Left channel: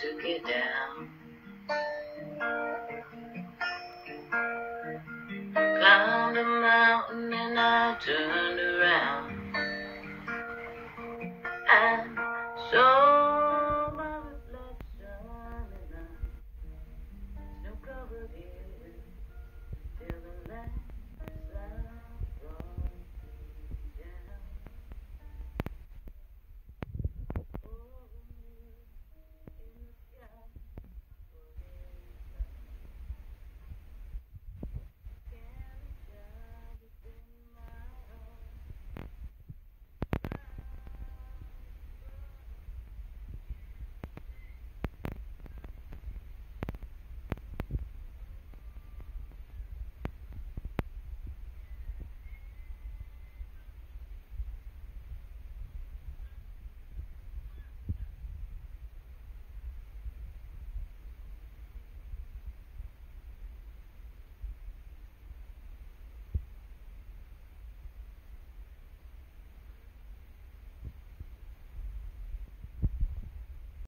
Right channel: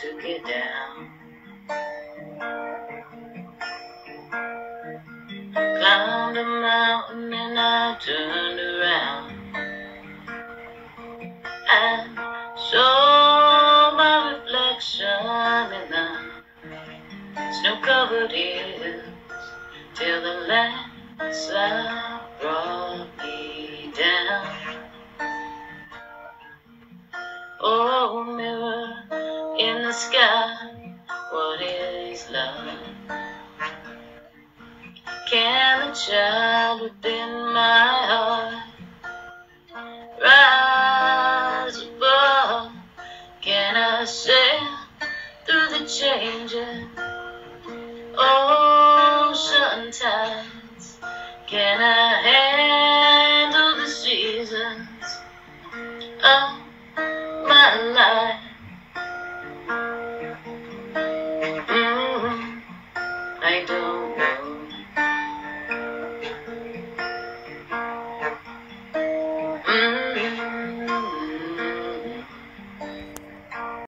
took it down. Climbed a mountain and I turned around and saw my reflection in the snow-covered hills till the landslide brought me down. Oh, mirror in the sky, what is love? Can the child within my heart rise above? Can I sail through the changing ocean tides? Can I handle the seasons